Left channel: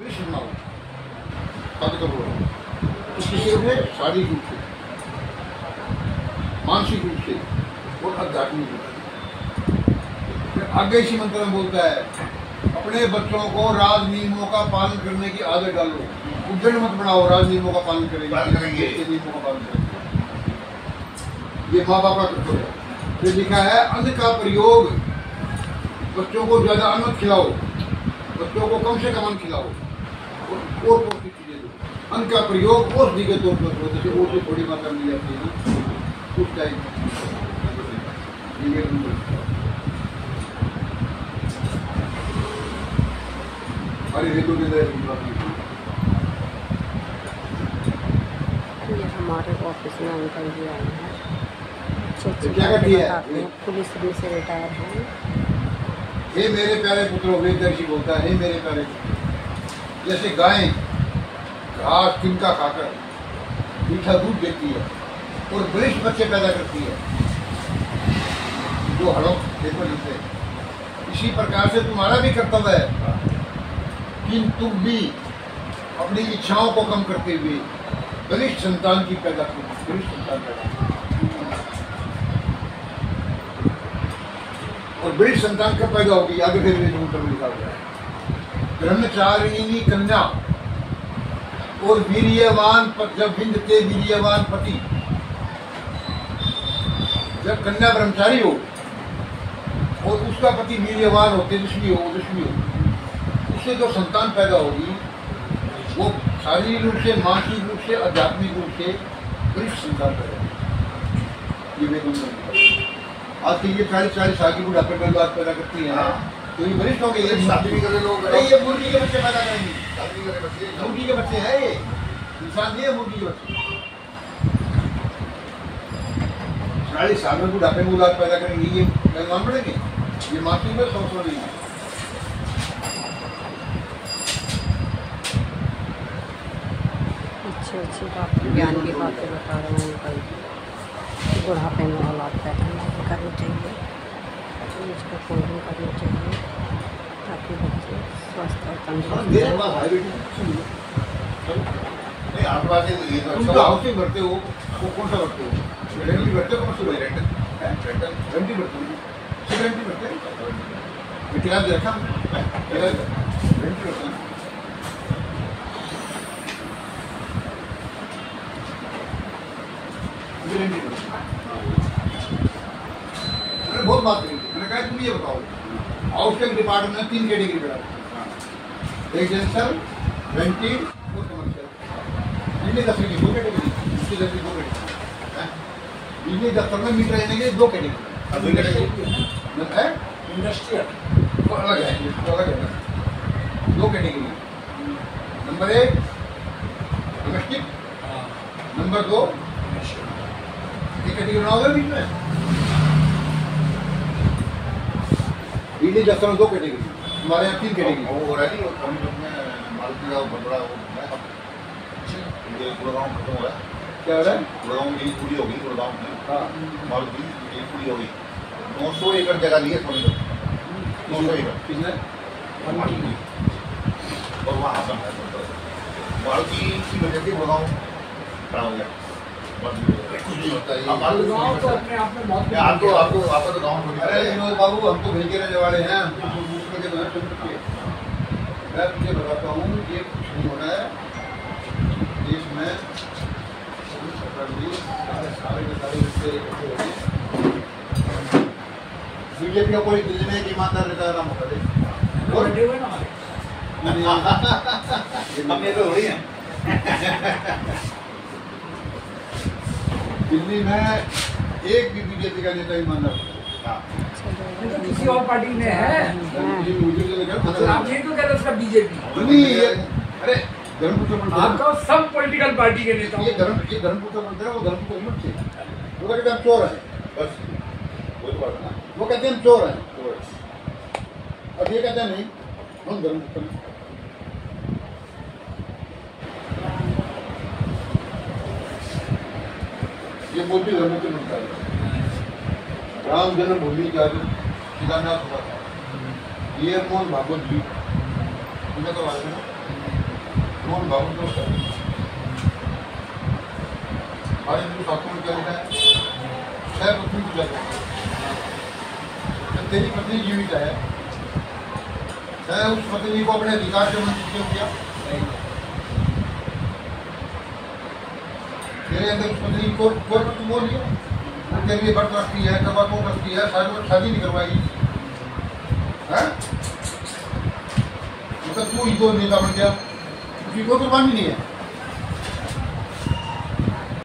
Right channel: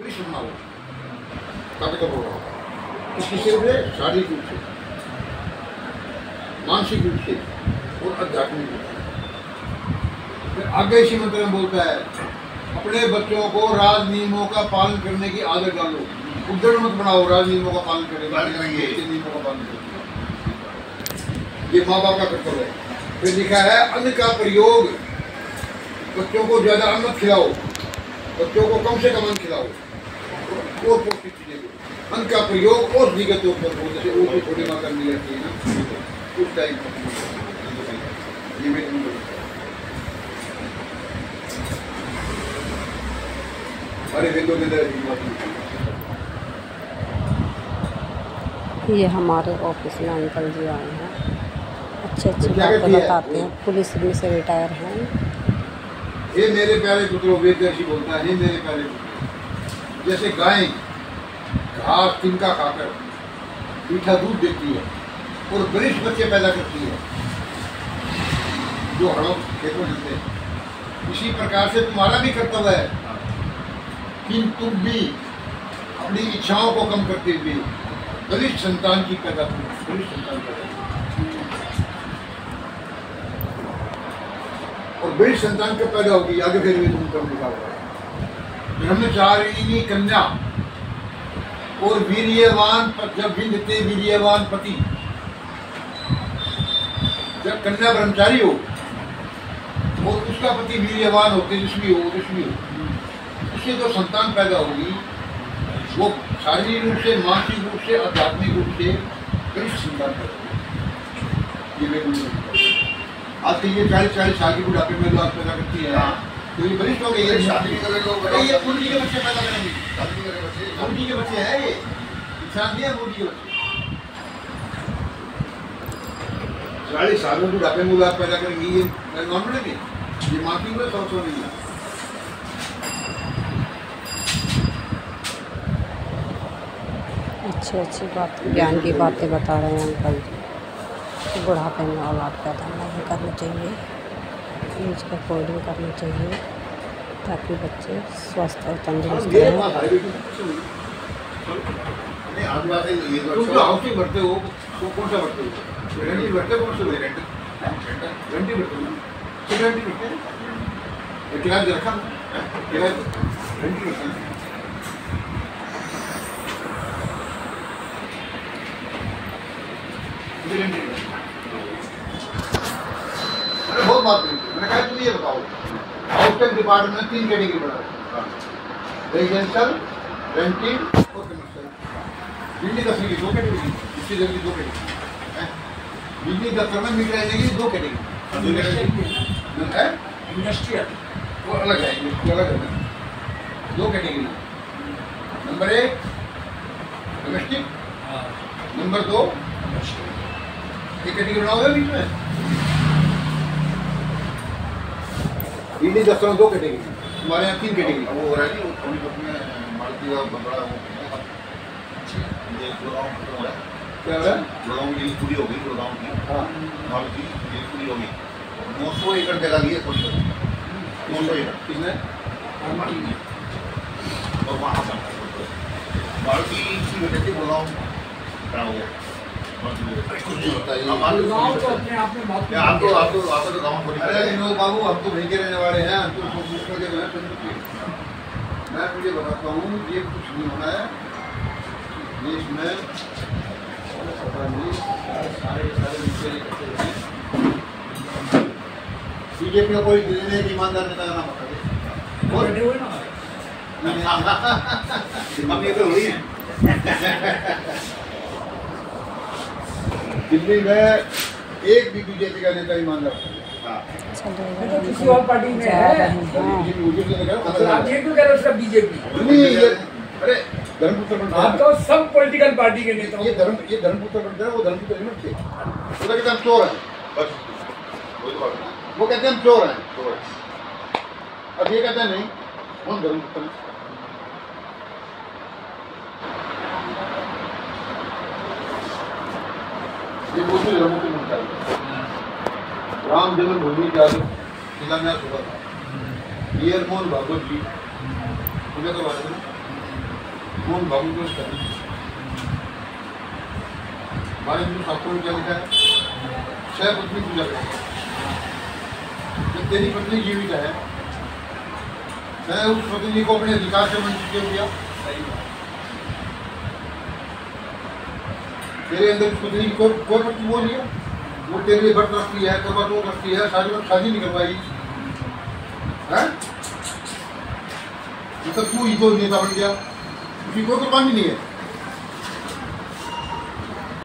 सुनना हो किसी से शारीरिक रूप से, मानसिक रूप से और आध्यात्मिक रूप से। फिर आगे इसी मंत्र में बोलता है, अपने बच्चों को राज नियमों का पालन करने की आदत डालो। उद्दंड मत बनाओ, राज नियमों का पालन करेंगे, नियमों का पालन करेंगे। ये माँ बाप का कर्तव्य है। फिर लिखा है, अन्न का प्रयोग, बच्चों को ज्यादा अन्न मत खिलाओ, बच्चों को कम से कम अन्न खिलाओ और पौष्टिक चीजें दो। अन्न का प्रयोग औषधि के तौर पर हो, जैसे ओटी थोड़ी मात्रा मिल जाती है ना उस टाइम। अरे वेदों के अंदर ये हमारे ऑफिस में अंकल जी आए हैं, अच्छे अच्छे बातें बताते हैं, पुलिस में से रिटायर हैं। हे मेरे प्यारे पुत्रों, वेददर्शी बोलता है, हे मेरे प्यारे पुत्र, जैसे गाय घास तिनका खाकर मीठा दूध देती है और बरिष्ठ बच्चे पैदा करती है जो हड़ों खेत में मिलते हैं, इसी प्रकार से तुम्हारा भी कर्तव्य है कि तुम भी अपनी इच्छाओं को कम करते हुए बलिष्ठ संतान की पैदा करो, बलिष्ठ संतान पैदा करो। और बलिष्ठ संतान कब पैदा होगी, आगे फिर तुम लिखा हुआ है, ब्रह्मचारिणी कन्या और वीर्यवान, जब विंदते वीर्यवान पति, जब कन्या ब्रह्मचारी हो और उसका पति वीर्यवान हो, तेजस्वी हो, उससे जो संतान पैदा होगी वो शारीरिक रूप से, मानसिक रूप से, आध्यात्मिक रूप से बलिष्ठ संतान पैदा होगी। ये आज के ये 40 साल की बुढ़ापे में लोग पैदा करती है, तो ये बलिष्ठ हो गए। ये शादी भी करे लोग, ये मुर्गी के बच्चे पैदा करेंगे, शादी करे बच्चे, मुर्गी के बच्चे है, ये इंसान नहीं है, मुर्गी के बच्चे। 40 साल में बुढ़ापे में औलाद पैदा करेंगे, ये मान पड़ेंगे, ये मानसिक में समस्या नहीं है। अच्छी अच्छी बातें, ज्ञान की बातें बता रहे हैं अंकल। बुढ़ापे में औलाद पैदा नहीं करनी चाहिए, उसका कोडिंग करनी चाहिए ताकि बच्चे स्वस्थ और तंदुरुस्त रहें। भरते हो वो कौन सा भरते हो? रेंटी भरते हो? कौन सा रेंटी भरते हो? रेंटी भरते हैं, किराया दे रखा, रेंटी भरते हैं। मैंने बहुत बात करी, मैंने कहा तुम ये बताओ, आउटसाइड डिपार्टमेंट में 3 कैटेगरी बढ़ा, रेजिडेंशियल, रेंटेड और कमर्शियल। बिजली दफ्तर की 2 कैटेगरी, दूसरी दफ्तर की 2 कैटेगरी। बिजली दफ्तर में मीटर लेने के लिए 2 कैटेगरी है, इंडस्ट्रियल वो अलग है, वो अलग है ना। 2 कैटेगरी, नंबर 1 डोमेस्टिक, नंबर 2 ये कैटेगरी बनाओगे बीच में। बिजली दफ्तर में 2 कैटेगरी, हमारे यहाँ 3 कैटेगरी। वो हो रहा है, वो कमी लोग में मारुति का बड़ा वो ये गुड़गांव खत्म हो रहा है। क्या हो रहा है? गुड़गांव की पूरी होगी, गुड़गांव की, हाँ, मारुति की पूरी होगी। 900 एकड़ जगह ली है सोनी लोग, 900 एकड़ किसने? और वहाँ बना है मारुति की वजह से गुड़गांव खड़ा हो गया। कुछ नहीं होता है, आपको तो गाँव। अरे विनोद बाबू, हम तो वहीं के रहने वाले हैं, हम तो दूसरे के मैं तुझे बताता हूँ, ये कुछ नहीं होना है देश में। बीजेपी को कोई दिल्ली में ईमानदार नेता का नाम बता दे, बैठे हुए ना हमारे ये तो हो रही है। दिल्ली में एक भी बीजेपी का नेता ईमानदार किसी और पार्टी में है, आप ये क्यों कह रहे हो? सब बीजेपी नहीं, ये अरे धर्मपुत्र बनता है, आप तो सब पॉलिटिकल पार्टी के नेता। ये धर्मपुत्र बनता है, वो धर्मपुत्र नहीं बनते, वो तो कहते हैं हम चोर हैं, बस वही तो बात है ना। वो कहते हैं हम चोर हैं, अब ये कहते हैं नहीं कौन धर्मपुत्र है। ये बोलते धर्मपुत्र बनता है। राम जन्मभूमि का शिलान्यास हुआ था, ये मोहन भागवत जी, तुम्हें तो बात है ना। कौन भावुक दोस्त है? हमारे हिंदू शास्त्रों में क्या लिखा है? 6 पत्नी पूजा करते हैं। जब तेरी पत्नी जीवित है, उस पत्नी को अपने अधिकार से वंचित क्यों किया? तेरे अंदर उस पत्नी को कोई पत्नी बोल लिया, वो तेरे लिए व्रत रखती है, कपट वो रखती है, सारी वक्त शादी नहीं करवाई है, मतलब तू ही तो नेता बन गया, उसकी कोई कुर्बानी नहीं है।